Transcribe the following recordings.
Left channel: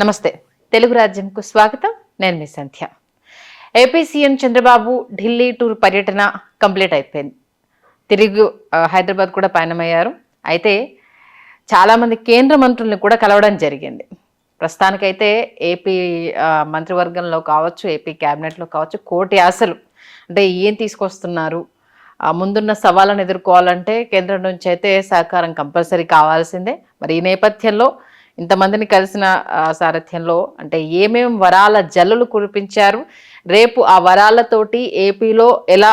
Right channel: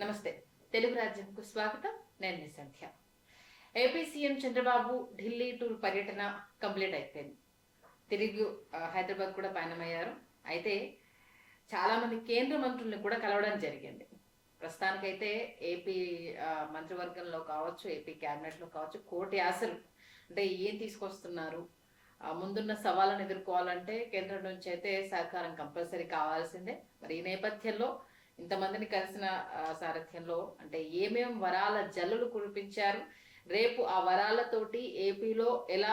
నమస్తే. తెలుగు రాజ్యంకు స్వాగతం. నేను మీ Sandhya. AP CM Chandrababu Delhi tour పర్యటన కంప్లీట్ అయిపోయింది. తిరిగి హైదరాబాద్ కూడా పయనమయ్యారు. అయితే చాలామంది కేంద్ర మంత్రుల్ని కూడా కలవడం జరిగింది. ప్రస్తుతానికైతే ఏపీ మంత్రివర్గంలో కావచ్చు, ఏపీ క్యాబినెట్లో కావచ్చు, కోటి ఆశలు. అంటే ఏం తీసుకొస్తున్నారు, ముందున్న సవాళ్ళను ఎదుర్కోవాలంటే కేంద్రం నుంచి అయితే సహకారం కంపల్సరీ కావాల్సిందే. మరి ఈ నేపథ్యంలో ఇంతమందిని కలిసిన సారథ్యంలో అంటే ఏమేం వరాల జల్లులు కురిపించారు, రేపు ఆ వరాలతోటి ఏపీలో ఎలా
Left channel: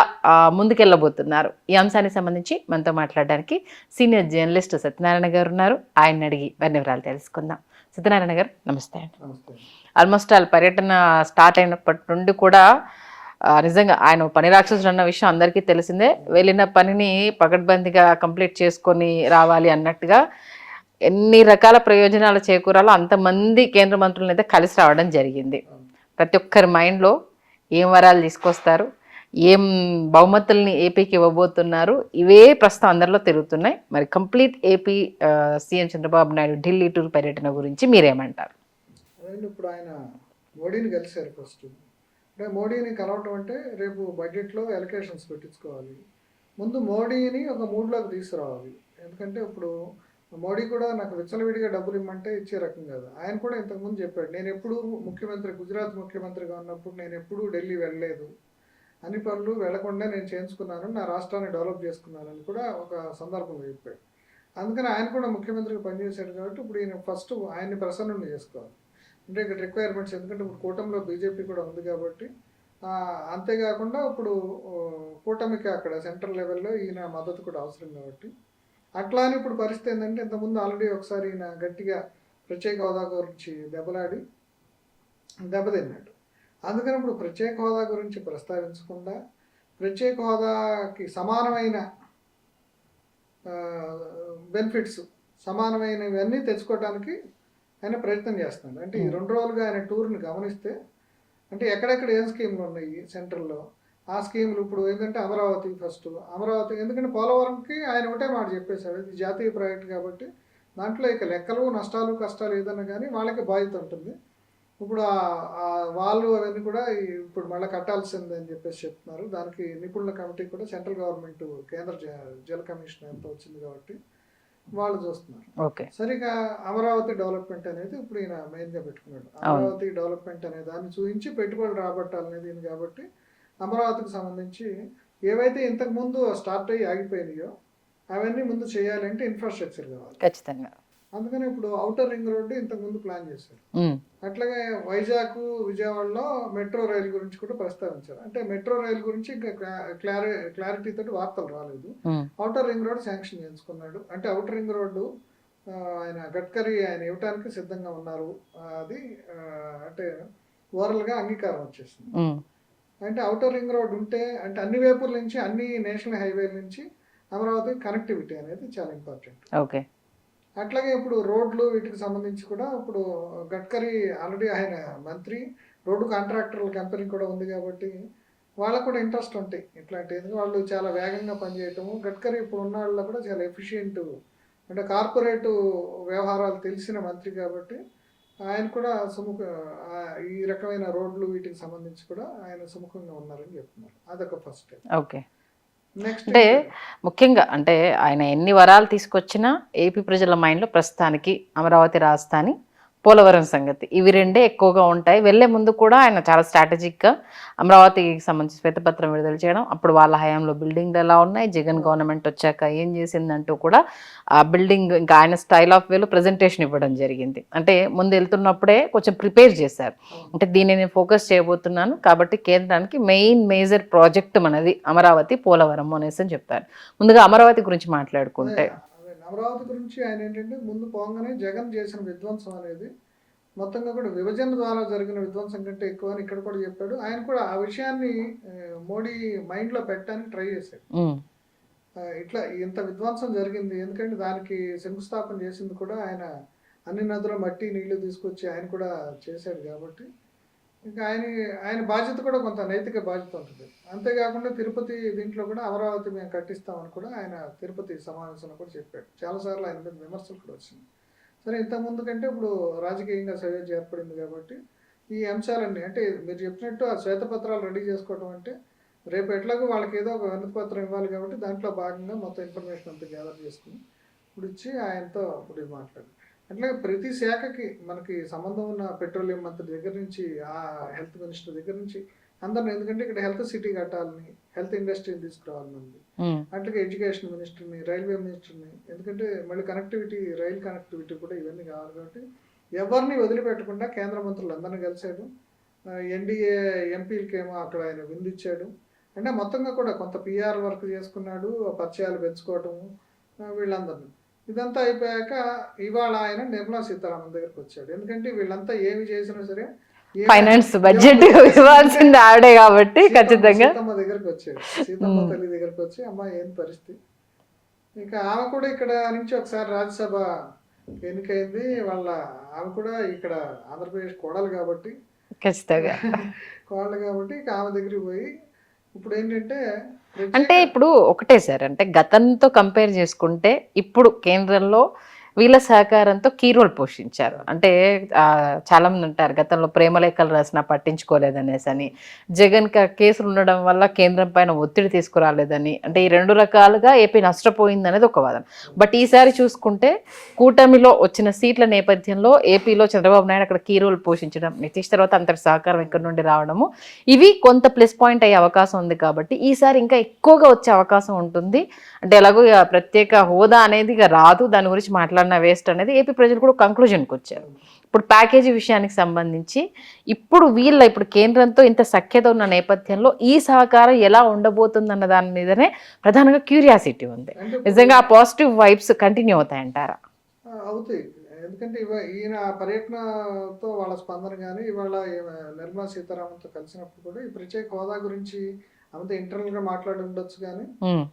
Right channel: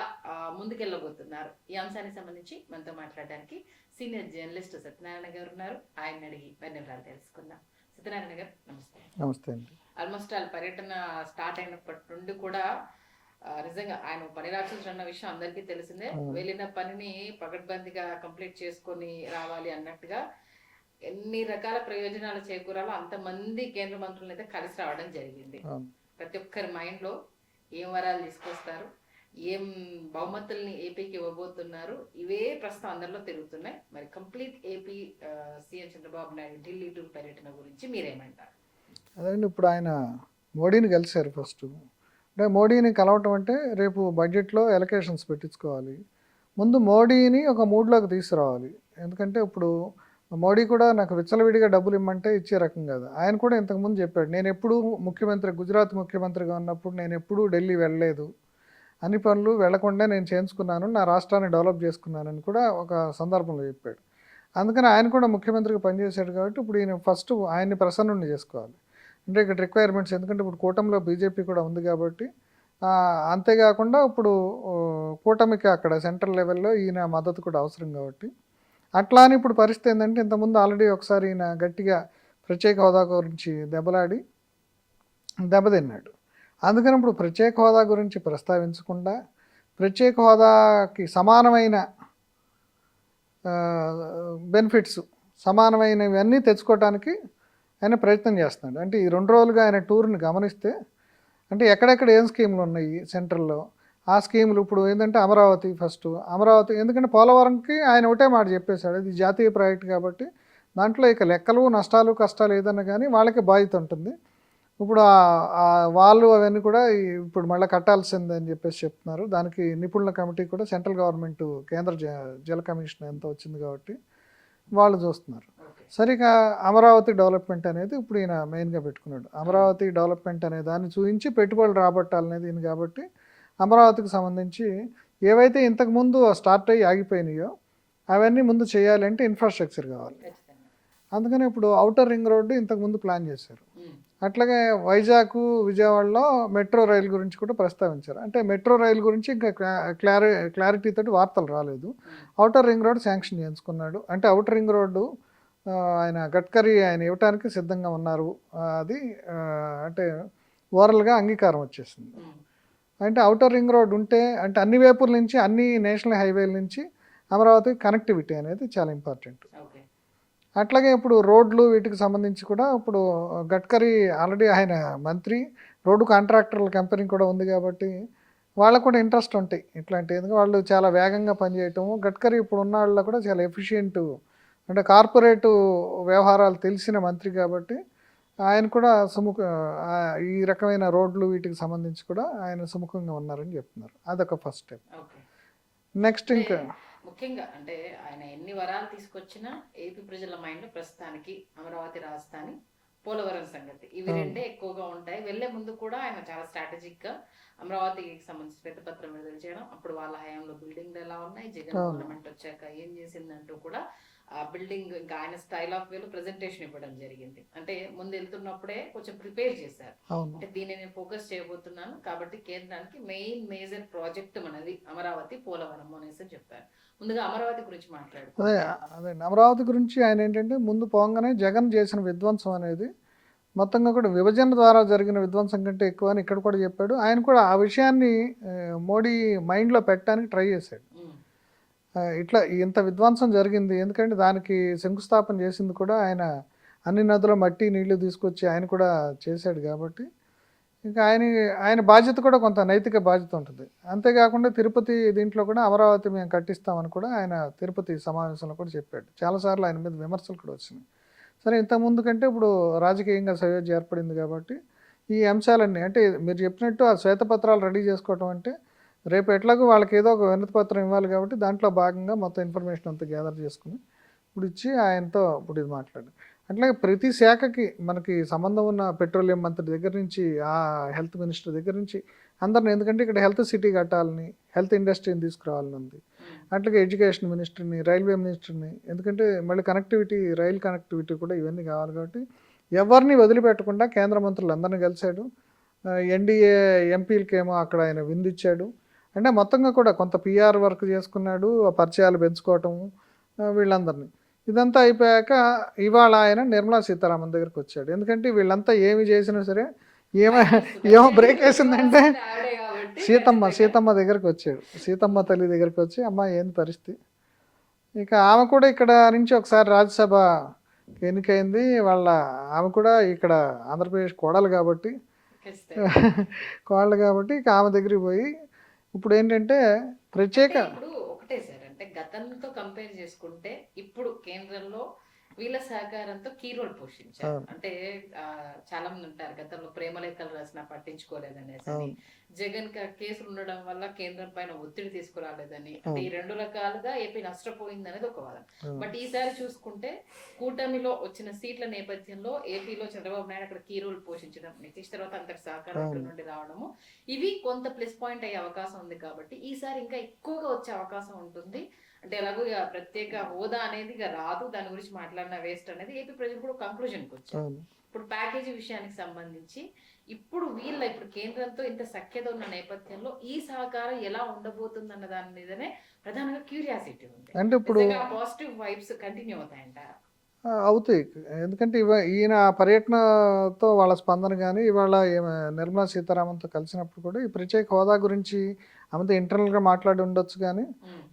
ముందుకెళ్ళబోతున్నారు, ఈ అంశానికి సంబంధించి మనతో మాట్లాడడానికి సీనియర్ జర్నలిస్ట్ సత్యనారాయణ గారు ఉన్నారు. ఆయన అడిగి మరిన్ని వివరాలు తెలుసుకుందాం. సత్యనారాయణ గారు నమస్తే. నమస్తే. ఆల్మోస్ట్ వాళ్ళ పర్యటన స్టార్ట్ అయినప్పటి నుండి కూడా నిజంగా ఆయన పని రాక్షసుడు అన్న విషయం అందరికీ తెలిసిందే. వెళ్ళిన పనిని పకడ్బందీగా కంప్లీట్ చేసుకొని రావాలి అన్నట్టుగా ఎన్ని రకాల ప్రయోజనాలు చేకూరాలో అంతమంది కేంద్ర మంత్రులను అయితే కలిసి రావడం జరిగింది. ప్రతి ఒక్కరి మైండ్లో ఏం వరాలు తీసుకొస్తారు, ఏం బహుమతుల్ని ఏపీకి ఇవ్వబోతున్నారు, ఇవే ప్రస్తుతం అందరిలో తిరుగుతున్నాయి. మరి complete AP CM Chandrababu Naidu Delhi tour పర్యటన గురించి మీరేమంటారు? అదే ఇప్పుడు ఆయన మోడీని కలిశారు. ఫస్ట్ అంటే మోడీని కలవటం అంటే రేపు బడ్జెట్లో ఎలకేషన్స్ పెట్టించుకోవాలి. ముందు మోడీని ఒక మూడ్లోకి తీసుకురావాలి. ఎందుకంటే ఇప్పుడు మోడీ కూడా నాకు విచ్చలవిడిగా డబ్బులు ఇమ్మంటే ఇచ్చే రకం కాదు. ఆయన కూడా ఇంతకుముందు చెప్పాడు, నేను ఎప్పుడూ గుజరాత్ ముఖ్యమంత్రిగా ఉన్నప్పుడు నేను ఎప్పుడూ ఢిల్లీ వెళ్ళలేదు, అన్ని పనులు వెళ్లకుండా నేను చేయించుకున్నాను, నా రాష్ట్రాన్ని డెవలప్ చేసుకున్నానని కూడా ఒక సందర్భంలో చెప్పాడు. అందుకని ఆయన కూడా ముఖ్యమంత్రిగా పనిచేశాడు కాబట్టి ఇప్పుడు ఈయన ఫస్ట్ ఆయన్ని ప్రసన్నుని చేసుకోవాలి. అంటే ఇక్కడ రిక్వైర్మెంట్స్, ఎందుకంటే ఇప్పుడు కూటమిలో బీజేపీ కూడా ఉంది కాబట్టి, అంతేకాకుండా ఇప్పుడు కూటమికి అక్కడ సెంట్రల్ లెవెల్లో ఈయన మద్దతు కూడా అవసరం కాబట్టి, అట్లా అని ఇప్పుడు పరిస్థితి ఏంటంటే ఇంతకుముందు ఆల్రెడీ ఒకసారి ఈయన గట్టిగా ప్రత్యేక హోదా గురించి దెబ్బతిన్నాడు. అందుకని ఇప్పుడు ప్రత్యేక హోదా గురించి ప్రస్తావించకుండా ప్రత్యేక హోదాకి సమానమైన బెనిఫిట్స్, సమానమైనవన్నీ తెచ్చుకోవడానికి ఆయన ప్రయత్నం చేస్తున్నాడు. అంటే ఈ 2 రోజులుగా ఆయన టూర్ని గమనిస్తే, అంటే ఎక్కడెక్కడ ఏం స్కీములు ఉన్నాయి సెంట్రల్లో, ఆ స్కీములు ఇప్పుడు ఏంటంటే అమరావతి ఎందుకంటే పోలవరంకి ఆయన ఒకటే మాట చెప్పేశాడు, ఇది జాతీయ ప్రాజెక్ట్ కాబట్టి దాంట్లో ఇక లెక్కలు నష్టాలు కష్టాలు ఏదన్నా కానీ వాళ్ళకి బాధ్యత ఉంటుంది. ఇప్పుడు వాళ్ళు అవన్నీ కూడా ఇప్పుడు మళ్ళీ కట్టాల్సిందని చెప్పేసి చెప్తున్నారు. దానికి నిపుణుల కమిటీ కూడా సెంట్రల్ గవర్నమెంట్ కేంద్ర జల కమిషన్ ఎంత వచ్చింది కాబట్టి వాళ్ళు చూస్తున్నారు. ఓకే, సరిగా అమరావతి డెవలప్మెంట్ అనేది ఇప్పుడు ఈయన మెయిన్గా పెట్టుకున్నాడు. అమరావతి డెవలప్మెంట్ అనే దాన్ని చూపించి పెట్టుబడులు రాబట్టాలనేది ఈయన కాబట్టి అమరావతికి సంబంధించి ఏవైతే ఇంతకుముందు స్టార్ట్ అయ్యి ఆగిపోయినాయో అవన్నీ ముందు చేయాలంటే ఇన్ఫ్రాస్ట్రక్చర్ కావాలి ఖచ్చితంగా. అందుకని ఇప్పుడు ఔటర్ రింగ్ రోడ్డు ఇంతకుముందు ప్లాన్ చేశారు. అట్లాగే వైజాగ్ విజయవాడలో మెట్రో రైలు గురించి కూడా ప్రస్తావించారు. అంటే మెట్రో రైలు గురించి ఇంకా క్లారిటీ తోటి వార్తలు రాలేదు. ఔటర్ రింగ్ రోడ్ శాంక్షన్ చేయించుకున్నాడు. అంటే ఔటర్ రింగ్ రోడ్డు ఆయన గడ్కరీ ఆయన ఇవ్వటానికి సిద్ధంగా ఉన్నారు. అది అంటే ఓవరాల్గా అంగీకారం వచ్చేసింది. అంటే ఔటర్ రింగ్ రోడ్ ఉంటే అంటే అన్ని వైపుల నుంచి, అన్ని నేషనల్ హైవేల నుంచి అమరావతి కనెక్టివిటీ అనేది చాలా ఇంపార్టెంట్. ఓకే, అట్లాగే ఇప్పుడు రోడ్లు వీటికి సంబంధించి కూడా ఇప్పుడు గడ్కరీ ఆల్రెడీ ఆయన మంత్రి, రోడ్డు కాంట్రాక్టర్ల కంపెనీ కూడా ఉంది కాబట్టి వాళ్ళకు కూడా ఇంట్రెస్ట్ ఉంటాయి ఇట్లాంటి. ఎందుకంటే వాళ్ళు చాలా వేగంగా పనిచేయటము, గడ్కరీ ఇప్పుడు ఉన్న వాళ్ళలో కూడా చాలా ఎఫిషియెంట్, అంటే కార్పొరేటు వ్యవహారాలు తెలిసిన మంత్రి కాబట్టి ఆయన కూడా ఈ రకమైన రోడ్లు వీటికి సంబంధించి కూడా ఆయన సుముఖంగా ఉన్నారని చెప్తున్నారు. అదొక ఫస్ట్ స్టెప్. ఓకే, నెక్స్ట్ అంటే ముఖ్యంగా అంటే ఆయన ఎన్ని వరాలు తీసుకొచ్చినా ఏపీ ప్రజల మైండ్లో ప్రస్తుతానికి అమరావతి రాజధాని, పోలవరం సంగతి, ఇవి రెండే ఎక్కువగా ఉంటాయి. వెళ్లే ముందు కూడా ఆయన చాలా స్ట్రాటజిక్గా అమరావతికి సంబంధించి శ్వేతపత్రం విడుదల చేయడం, అప్పుడు వాళ్ళ హయాంలో బిల్డింగ్లు ఎలా ఉన్నాయి, జగన్ గవర్నమెంట్ వచ్చాక ఏం చేసిందంటూ కూడా ఆ బిల్డింగ్ ఇంకా ఆయన స్టైల్ ఆఫ్ వేలో ప్రజెంటేషన్ ఇవ్వడం జరిగింది. అంటే ముందు వెళ్తున్నప్పుడే కొంచెం ప్రిపేర్ చేశారు. అంటే దీన్ని నేను ఫోకస్ చేయబోతున్నాను కాబట్టి కేంద్రానికి మేజర్ ప్రాజెక్ట్ మనది అమరావతి, పోలవరం అనేసి అని చెప్తారు. ముందుగా అమరావతి గురించి మాట్లాడుకుంటే, అమరావతి గురించి ఆయన ఏంటంటే ముందు పోగానే జగన్ చేసిన విధ్వంసం అనేది మొత్తంగా కూడా విభజన ద్వారా జరిగిన విధ్వంసం కంటే ఎక్కువ అని ఇక్కడ కూడా చెప్పాడు. ఆయన కూడా ఆ విషయాన్ని మోడీ మైండ్లో పెట్టడానికి ట్రై చేశాడు. ఇట్లా ఇంత విధ్వంసం జరిగింది, ఎందుకంటే దానికి శంకుస్థాపన చేసింది కూడా ఆయన, అన్ని నదుల మట్టి నీళ్లు తీసుకొచ్చి ఆయన కూడా చేశాడు కాబట్టి ఇంకా ఆయన బాధ్యత కూడా కొంత నైతిక బాధ్యత ఉంటుంది. అంతేకాకుండా తిరుపతి దీంట్లో కూడా అమరావతి మేము కట్టిస్తామని కూడా ఆయన తిరుపతి సమావేశంలో కూడా చెప్పాడు. చాలాసార్లు ఆయన మీద విమర్శలు కూడా వచ్చినాయి. సరే ఇంతకుముందు కంటే ఇప్పుడు రాజకీయంగా సయోధ్య ఏర్పడింది కాబట్టి ఈ అంశాలన్నీ అంటే మీరు చెప్పినట్టు ఆ శ్వేతపత్రాలు రెడీ చేసుకోవటం అంటే రేపు ఎట్లాగో వాళ్ళకి ఏదో ఒక వినతి పత్రం ఇవ్వాలి కాబట్టి దాంట్లో భాగంగా మొత్తం ఇన్ఫర్మేషన్ అంతా గ్యాదర్ చేసుకుని ఇప్పుడు ఇచ్చి ఆయనతో ఇప్పుడు ఇది మాట్లాడు. అట్లాగే ప్రతి శాఖకి మనకి సంబంధం ఉన్న పెట్రోలియం మంత్రి దగ్గర నుంచి ఆ హెల్త్ మినిస్టర్ దగ్గర నుంచి అందరిని, ఎందుకంటే ఇక్కడ హెల్త్ సిటీ కట్టాలని హెల్త్ ఇండస్ట్రీని తీసుకురావాలని ఉంది. అట్లాగే ఎడ్యుకేషన్ మినిస్టర్ని, రైల్వే మినిస్టర్ని, ఎందుకంటే మళ్ళీ కనెక్టివిటీ, రైల్ కనెక్టివిటీ కూడా ఇవన్నీ కావాలి కాబట్టి ఎవరిని వదిలిపెట్టకుండా కేంద్ర మంత్రులు అందరినీ కలిశాడు. ఎన్డీఏ ఎంపీలకేమో అక్కడ ఆయన విందిచ్చాడు. అంటే మొత్తంగా కూడా కొంత పిఆర్ వర్క్ చేసుకున్నాడు, పరిచయాలు పెంచుకోవటము వీళ్ళందరినీ. ఇదంతా అయిపోయాక ఇవాళ ఆయన నిర్మలా సీతారామన్ దగ్గరికి వచ్చాడు. ఎందుకంటే వీళ్ళంతా ఏమి చేసినా సరే ఆడే కాబట్టి సీతమ్మ దగ్గరికి వచ్చాడు. సీతమ్మ తల్లి దగ్గరికి వచ్చి అమ్మ ఏం పరిస్థితి, ఇక ఆమె కూడా ఇక్కడ నుంచి ఒకసారి రాజ్యసభ ఎన్నికైంది. ఆమె కూడా ఇక్కడ ఆంధ్రప్రదేశ్ కోడలు కాబట్టి కోడలు కాబట్టి ఇక ఆమె దగ్గరికి పోయి ఇప్పుడు ఏంటంటే అంటే ఇప్పుడు ఒకటే సార్, అంటే గతంతో కంపేర్ చేసుకుంటే ఇప్పుడు కేంద్రంలో వీళ్ళ సహకారంతో కీ రోల్ పోషించారు. అంటే చాలా మంది అంటారు గతంలో ప్రేమలేఖలు రాసినా పట్టించుకోలేదనేసి అని, జగన్ కేసులు ఉండడం వల్ల కేంద్రం పైన ఒత్తిడి తీసుకురాలేదని, అంటే ఈ రెండు రకాలుగా ఏపీ నష్టపోయింది అనేది ఒక వాదన. బట్ ఈసారి చూసుకుంటే కూటమిలో వచ్చిన సీట్ల నేపథ్యంలో ఏపీలో చంద్రబాబు నాయుడు అక్కడ కీ రోల్ పోషించడం, నితీష్ తర్వాత అంతటి సహకారం ఇక్కడ నుండి రావడము, ఇవి కొంత ప్లస్ పాయింట్ అయ్యే అవకాశం ఉంది. కాబట్టి ఈసారి ఇంకా ఎక్కువగా వచ్చే అవకాశం ఉంటుంది. అంటే ఎలాగో ప్రత్యేక హోదా అనేది ఇక రాదు, దాని గురించి మాట్లాడిన వేస్ట్ అనేది ఏపీ ప్రజలు కూడా కంక్లూజన్కి వచ్చారు. ఇప్పుడు ప్యాకేజీ విషయానికి సంబంధించి ఇప్పుడు కేంద్రంతో ఇంత సఖ్యత ఉన్న నేపథ్యంలో ఈ సహకారం ఎలా ఉండబోతుంది అన్న దాని మీదనే ప్రధానంగా క్యూరియాసిటీ ఉంది. నిజంగా ఆ పాజిటివ్ వైబ్స్ కంటిన్యూ అవుతాయంటారా? అవుతాయి. ఎందుకంటే ఈయన పర్యటనతో వాళ్ళ స్పందన కానీ, ఇవాళ నిర్మలా సీతారామన్తో కలిసినప్పుడు కూడా ఈ ప్రత్యేక హోదా గురించి ఆమెతో ఇంటర్నల్గా మాట్లాడి ఉండొచ్చు. కానీ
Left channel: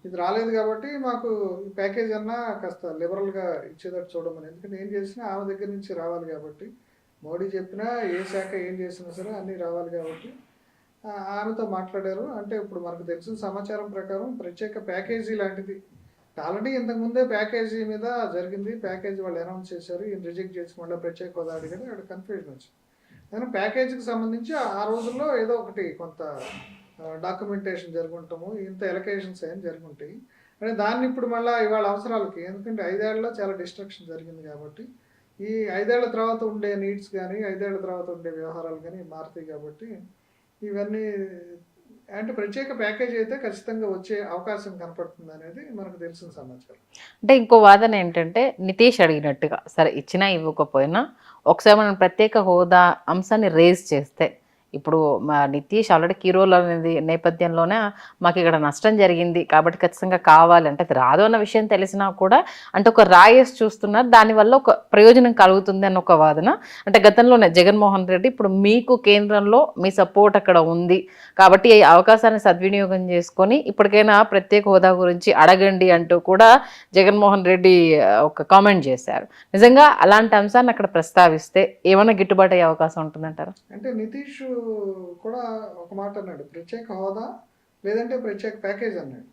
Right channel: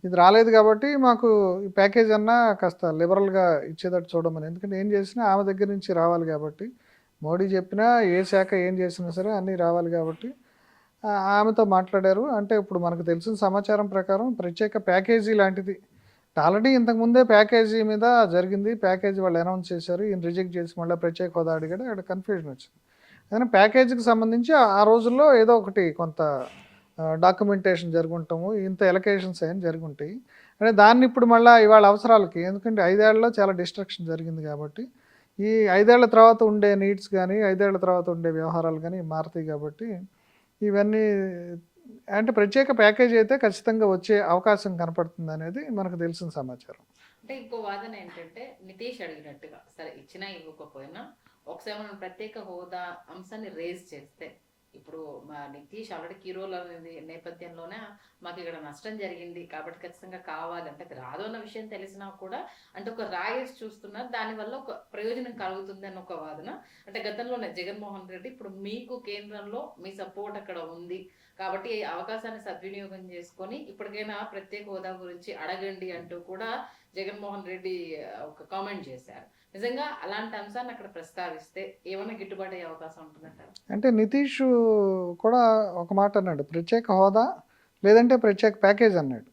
ఇది రాలేదు కాబట్టి మాకు ఈ ప్యాకేజ్ అన్నా కాస్త లిబరల్గా ఇచ్చేటట్టు చూడమని, ఎందుకంటే ఏం చేసినా ఆమె దగ్గర నుంచి రావాలి కాబట్టి, మోడీ చెప్పినా ఏ శాఖ ఏం చేసినా సరే అన్నీ రావాలి కాబట్టి ఆమెతో మాట్లాడారు. అంటే ఇప్పుడు మనకు తెలిసిన సమాచారం ప్రకారం ప్రత్యేక ప్యాకేజీ లాంటిది ఆల్రెడీ ఇంతకుముందే ప్యాకేజీ మీద జరిగింది. ప్యాకేజీ వాళ్ళు అనౌన్స్ చేశారు, ఈయన రిజెక్ట్ చేసి మళ్ళీ ప్రత్యేక హోదా అడిగాడు, అక్కడ కన్ఫ్యూజన్ వచ్చింది. కానీ ప్యాకేజీకి సంబంధించి ఆ రోజుల్లో ఏదో ఒకటి కొంత డాక్యుమెంటేషన్ జరుగుంటాము, ఇంత ఎలకేషన్స్ ఏం జరుగుంటాయి. అంటే దాన్ని ఇప్పుడు మళ్ళీ ఇవాళ అవసరాలకి, ఎందుకంటే 5 ఏళ్లలో చాలా డిస్ట్రక్షన్ జరిగింది కాబట్టి ఈ 5 ఏళ్ల తర్వాత ఉండే నీడ్స్ కానీ 5 ఏళ్ల తర్వాత ఉండే వ్యవహారాలు కానీ మారుతాయి కాబట్టి ఇవన్నీ అంటే ప్రత్యేక ప్యాకేజ్ అయితే ఖచ్చితంగా వచ్చే అవకాశం కనపడుతుంది అనేది మనకు తెలిసిన సమాచారం. అంటే ఇంకో వాదన ఏంటంటే నితీష్ అడిగినట్టుగా సరే ఇచ్చినా ఇవ్వకపోయినా ఒకసారి మనం ప్రత్యేక హోదా అంశాన్ని రేజ్ చేస్తే, ఇప్పుడు మా నితీష్ ఆల్రెడీ కీ రోల్ అనేది నేపథ్యంలోనే మాకు ఇక్కడ నష్టం జరిగింది కాబట్టి ఖచ్చితంగా కావాలి అంటే అది రాదు అన్న విషయం తెలిసినా కూడా అంటే ఒక రాయేసి చూస్తున్నారు, దానివల్ల ఒక ప్రయోజనం కలుగుతుంది అన్న ఒక వాదన. అంటే గతంలోనే జగన్మోహన్ రెడ్డి ఇప్పుడు మీకు కేంద్రంలో మీ సపోర్ట్ అక్కడ ఉంది కాబట్టి ఈ అవకాశాన్ని సద్వినియోగం చేసుకొని ఇప్పటికైనా ప్రత్యేక హోదా గురించి అడగండి అంటూ కూడా జగన్మోహన్ రెడ్డి ఒక కామెంట్ చేశారు. నిజంగా అలాంటి అంశాన్ని అక్కడ ప్రస్తావిస్తే ఏమైనా గిట్టుబాటు అయ్యే అవకాశం ఉంటుందంటారు? అంటే నితీష్ కూడా ఒక మాట అన్నాడు, ప్రత్యేక హోదా లేదంటే ప్రత్యేక ప్యాకేజ్ అన్నాడు.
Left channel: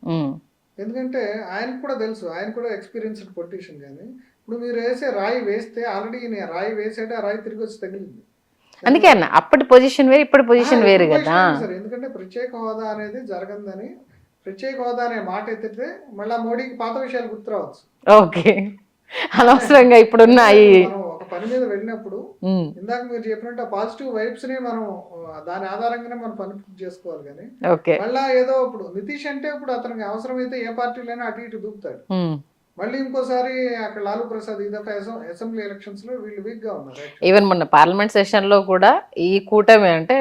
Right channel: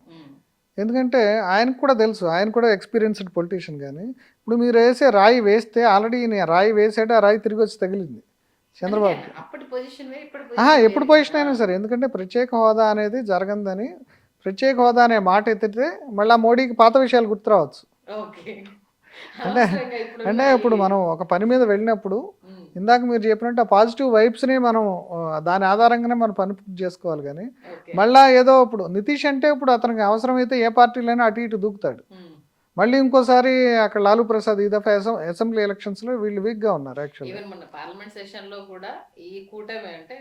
ఎందుకంటే ఆయనకు కూడా తెలుసు, ఆయన కూడా ఎక్స్పీరియన్స్డ్ పొలిటీషియన్. కానీ ఇప్పుడు మీరు రాయి వేస్తే ఆల్రెడీ రాయి వేసాడు, ఆ రాయి తిరిగి వచ్చి తగిలింది. అందుకే అన్న అప్పటి పొజిషన్ వేరు ఇప్పుడు పొజిషన్ వేరు సరే. ఎందుకంటే ప్రత్యేక హోదా అనేది జరగదని, ప్రత్యేక హోదా అనే మాట ఎత్తితే మళ్ళీ మోడీకి పాత విషయాలు గుర్తురావచ్చు. ఓకే, అనవసరంగా ఇప్పుడు మనం ఒక పని మీద వెళ్ళినప్పుడు ఇందాక మీరు చెప్పినట్టు ఆ పాజిటివ్ వైబ్స్ ని మనం దాని ఆధారంగానే మనం పని పూర్తి చేసుకోవాలి. కానీ మళ్ళా ఏదో ఇప్పుడు నితీష్ అంటే ఇప్పుడు అతనికి అవసరమైతే ఏ పార్టీలైనా అటు ఇటు దూకుతాడు. మళ్ళీ ఇంకోసారి అక్కడ లాలూ ప్రసాద్ ఈ దఫా అసెంబ్లీ ఎలక్షన్స్ లో వీళ్ళు వీక్ గా ఉన్నారు. ఈవెన్ మొన్న పార్లమెంట్ సెషన్ లో కూడా ఈ కూటమి అంటే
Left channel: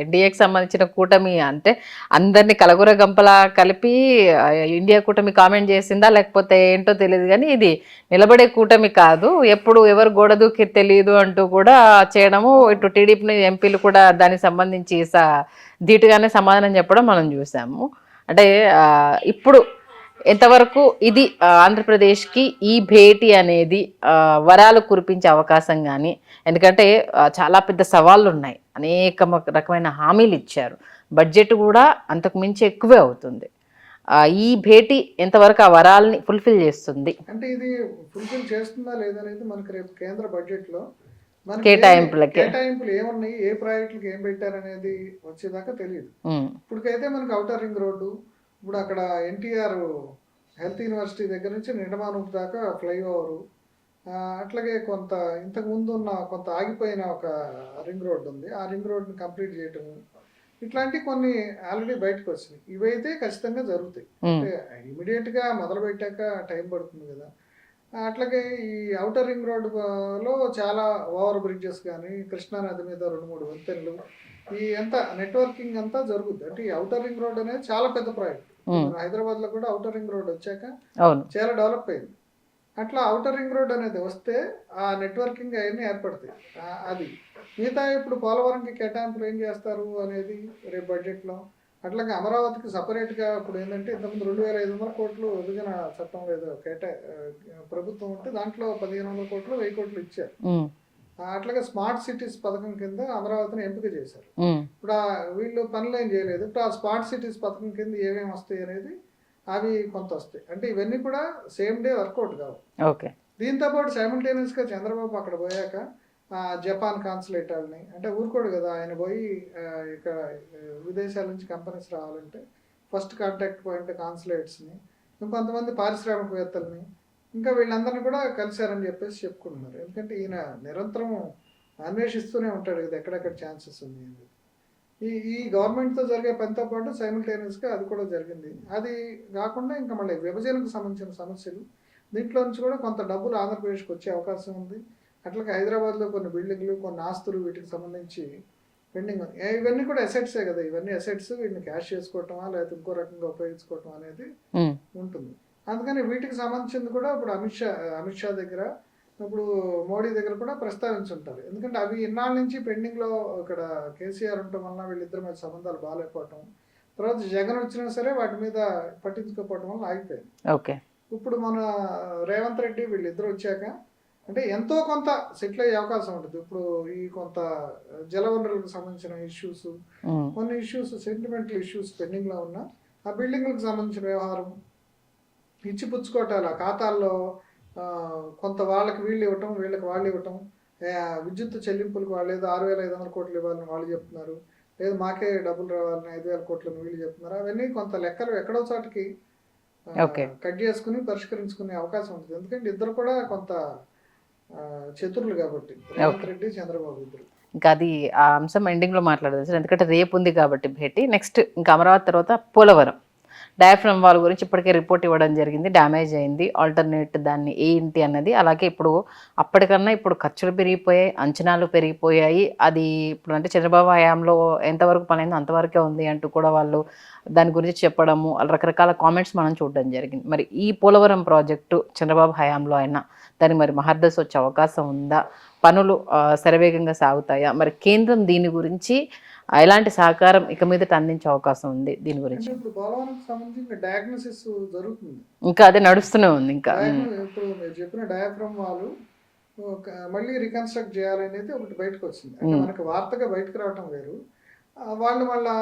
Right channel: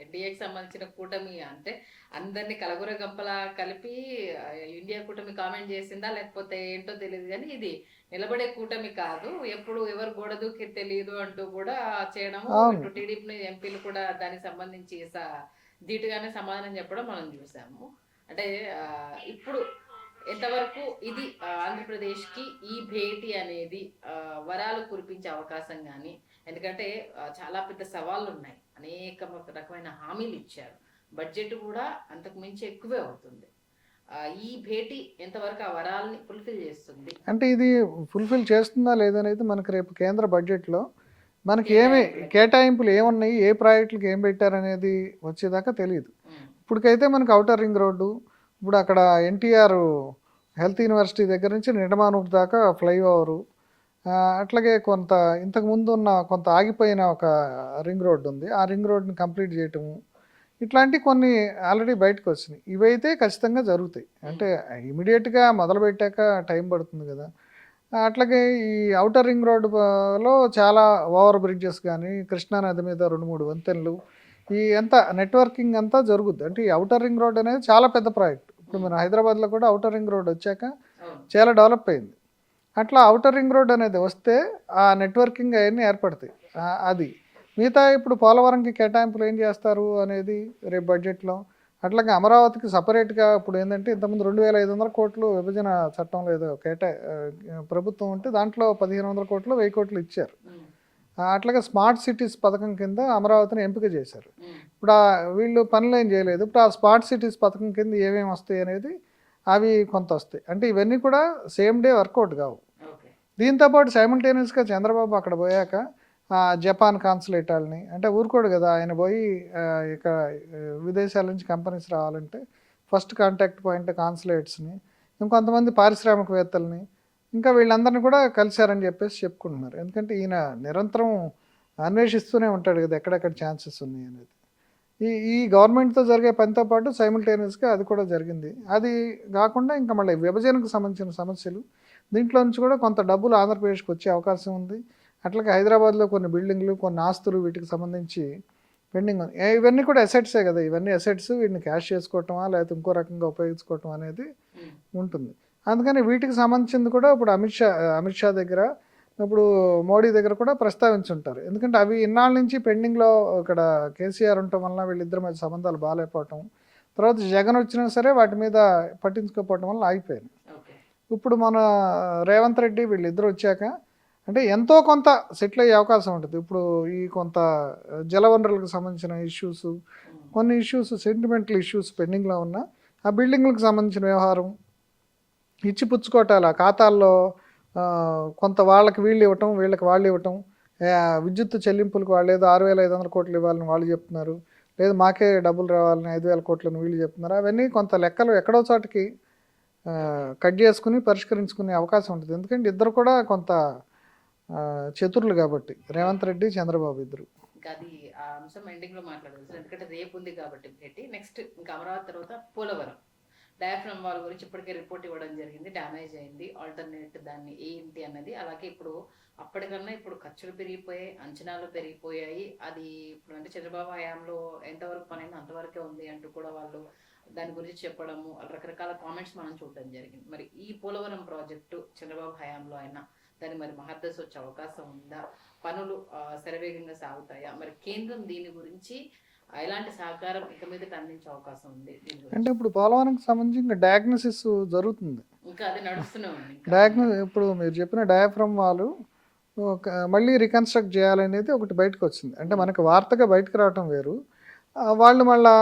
ఎన్డీఏకి సంబంధించిన కూటమి అంటే అందరినీ కలగుర గంపలా కలిపి ఇండియా కూటమి కామెంట్ చేసిందా లేకపోతే ఏంటో తెలియదు, కానీ ఇది నిలబడే కూటమి కాదు, ఎప్పుడు ఎవరు గోడ దూకి తెలియదు అంటూ కూడా చేయడము, ఇటు టీడీపీ ఎంపీలు కూడా దానికి సంబంధించి ధీటుగానే సమాధానం చెప్పడం మనం చూసాము. అంటే ఇప్పుడు ఎంతవరకు ఇది ఆంధ్రప్రదేశ్కి ఈ భేటీ అనేది వరాలు కురిపించే అవకాశం కానీ, ఎందుకంటే చాలా పెద్ద సవాళ్ళు ఉన్నాయి, అనేక రకమైన హామీలు ఇచ్చారు, బడ్జెట్ కూడా అంతకు మించి ఎక్కువే అవుతుంది. ఈ భేటీ ఎంతవరకు ఆ వరాల్ని ఫుల్ఫిల్ చేస్తుంది? అంటే ఇది ఫుల్ఫిల్ చేస్తుందా లేదనేది మనకి రేపు కేంద్ర బడ్జెట్లో మనకి కేటాయింపులు ఏమున్నాయి, ఏ ప్రాజెక్టులకు ఏం పెట్టారనేది వచ్చేదాకా తెలియదు. ఇప్పటికైతే మనకి ఔటర్ రింగ్ రోడ్డు, ఇప్పుడు అక్కడ ఎన్టీఆర్ హెల్త్ యూనివర్సిటీ దగ్గర నుంచి నిడమానూరు దాకా ఫ్లైఓవరు, అట్లాగే కొంత ఇంతకు ముందు ఉన్న కొంత ఆగిపోయిన ఒక రింగ్ రోడ్డు ఉంది, ఆ రింగ్ రోడ్ని కంప్లీట్ చేయటము, ఇట్లాంటి కొన్ని ఆల్రెడీ బయటకు వచ్చినాయి. ఇవైతే ఖచ్చితంగా జరుగుతాయి. అంటే ఇమీడియట్గా మొదలు పెట్టాక టైం పడుతుంది కదా. అట్లాగే ఈ ఔటర్ రింగ్ రోడ్డులో చాలా ఓవర్ బ్రిడ్జెస్ కానీ, కృష్ణానది మీద 2-3 వంతెనలు, ఈ అంతా నెట్వర్కింగ్ అంతా జరుగుద్ది. అంటే ఈ ఔటర్ రింగ్ రోడ్ అనేది చాలా పెద్ద ప్రాజెక్ట్. మన హైదరాబాద్లో కూడా ఔటర్ రింగ్ రోడ్ వచ్చాక చాలా డెవలప్ అయింది. అట్లా ఔటర్ రింగ్ రోడ్ అనేది వస్తే ఆ నెట్వర్కింగ్ అవన్నీ ఏర్పడతాయి. అది మిగతా ఇప్పుడు పోలవరంకి కేటాయింపులు ఏం చేస్తారు అనేది రేపు బడ్జెట్లో. అట్లాగే అమరావతికి సపరేట్గా ఇప్పుడు ఏంటంటే ఇంతకుముందు 2,500 కోట్లు విభజన చట్టంలో ఏదో ప్రభుత్వం ఉంటే దాంట్లో 1,500 కోట్లు 1,000 కోట్లు ఇచ్చారు. అట్లాగే స్మార్ట్ సిటీస్ పథకం కింద అమరావతిని ఎంపిక చేశారు. ఇప్పుడు వీళ్ళు పనులు ఏం చేయలేదు. ఇప్పుడు ఆ స్మార్ట్ సిటీస్ పథకం కింద ఏమేమి వస్తాయి అనేది అవి కొంత వస్తాయి. అంటే ఇవన్నీ కూడా సేమ్ డే వర్కౌట్ కావు. దీంతోపాటు సైమల్టేనియస్గా చంద్రబాబు అక్కడ పోయాక జపాన్ కాన్సులేట్ వాళ్ళని, అంటే ఊరుకోడు కదా ఆయన పోయి ఇక్కడ విదేశాల నుంచి కంపెనీస్ రావాలంటే ఫస్ట్ కాంటాక్ట్ పాయింట్ కాన్సులేట్స్ని, ఇంకొంతమంది పారిశ్రామికవేత్తల్ని, ఇంకా వీళ్ళందరినీ కూడా కలిశారని చెప్పేసి చెప్పుకుంటున్నారు. ఎందుకంటే ఈయన నిరంతరం అన్వేషిస్తూనే ఉంటాడు కదా ఎక్కడెక్కడ ఛాన్సెస్ ఉన్నాయి అనేది. ఈ గవర్నమెంట్తో జరిగే పనితో పాటు సైమల్టేనియస్గా అది కూడా జరిగింది. అది కాకుండా ఇంకా మళ్ళీ విభజనకు సంబంధించిన సమస్యలు, దీంట్లో నుంచి కూడా కొంత డబ్బులు ఆంధ్రప్రదేశ్కి వచ్చే అవకాశం ఉంది. అట్లాగే హైదరాబాద్లో కొన్ని బిల్డింగ్లు, కొన్ని ఆస్తులు వీటికి సంబంధించి పెండింగ్ ఉంది. ఇవన్నీ కూడా అసెట్సే కదా, ఇవన్నీ అసెట్స్, వీటిని క్యాష్ చేసుకోవటమా లేకపోతే ఇంకో రకంగా ఉపయోగించుకోవటం అనేది ఉంటుంది. అందుకని వీటికి సంబంధించింది కూడా ఇప్పుడు అమిత్ షా దగ్గర, ఇప్పుడు మోడీ దగ్గర కూడా ప్రస్తావించుంటారు. ఎందుకంటే అవి ఇన్నాళ్ళ నుంచి పెండింగ్లో ఇక్కడ కేసీఆర్ ఉండటం వలన వీళ్ళిద్దరి మధ్య సంబంధాలు బాగాలేకపోవటం, తర్వాత జగన్ వచ్చినా సరే వాటి మీద పట్టించుకోకపోవటం వల్ల ఆగిపోయింది. ఇప్పుడు మన రేవంత్ రెడ్డి వీళ్ళిద్దరు వచ్చాక అంటే ఎంతో కొంత సెటిల్ అయ్యే అవకాశం ఉంటుంది. ఇప్పుడు ఈ కొంత జలవనరులకు సంబంధించిన ఇష్యూస్, కొన్ని ఇష్యూస్ సెంటిమెంటల్ ఇష్యూస్ పెండింగ్లో ఉన్న ఆ బిల్డింగ్లకు సంబంధించిన వ్యవహారం, ఇచ్చిపుచ్చుకోవటాల ఖాతాల్లో కొంత వాళ్ళకి వీళ్ళు ఇవ్వటం, వీళ్ళకి వాళ్ళు ఇవ్వటం, విద్యుత్ చెల్లింపులకు వాళ్ళు ఏదో 6,500 కోట్లు ఇవ్వాలని వాళ్ళు చెప్తున్నారు, లేదు మాకే డబ్బులు రావాలని 5,000 కోట్లని వీళ్ళు చెప్తున్నారు. అవన్నీ కొంత లెక్కలు ఎక్కడో చోటకి కట్ చేసుకుని పరిష్కరించుకునే అవకాశం ఉంటుంది. ఎందుకంటే ఇద్దరు కూడా కొంత చతురులు కాబట్టి, రేవంత్ రెడ్డి చంద్రబాబు ఇద్దరు. ఇంకా అది ఆ అంశం ఎండింగ్లో మాట్లాడదు సార్, ఎందుకంటే రేపు ఉంది కాబట్టి భేటీ. నెక్స్ట్ ఇంకా అమరావతి తర్వాత పోలవరం డయాఫ్రమ్ వాల్ గురించి ఇప్పటికే రిపోర్ట్ ఇవ్వడం జరిగింది, డ్యామేజ్ అయింది, ఆల్టర్నేట్ దాన్ని ఏంటి అన్నది. అలాగే ఇప్పుడు అప్పటికన్నా ఇప్పుడు ఖర్చులు పెరిగిపోయాయి, అంచనాలు పెరిగిపోయాయి. అది ఇప్పుడు అంటే చంద్రబాబు హయాంలో ఎంతవరకు పనైందో అంతవరకే ఉంది అంటూ కూడా వాళ్ళు దాని గురించి చెప్పడము, రకరకాల కామెంట్స్ మనం చూడడం జరిగింది. మరి ఈ పోలవరం ప్రాజెక్టు చంద్రబాబు హయాంలో అయినా దానికి మరి మహర్దశ వచ్చే అవకాశం ఉందా? పనులు శరవేగంగా సాగుతాయా? మరి కేంద్రం దీని గురించి ఎలాంటి సహకారం ఇక మీదట అందించే అవకాశం ఉంది దీని గురించి? అంటే ఇప్పుడు పోలవరంకి సంబంధించి ఇంకా డయాగ్నోసిస్ జరుగుతుంది, ఇంకా అదే నడుస్తూనే ఉంది. ఇంకా ఇప్పుడు మీరు చెప్పిన డయాఫ్రమ్ వాళ్ళు మళ్ళీ రికన్స్ట్రక్ట్ చేయాలనేది ఒకటి బయటకు వచ్చింది. అంటే మనకి వార్తగా బయటకు రావటం వేరు, వాళ్ళు మళ్ళీ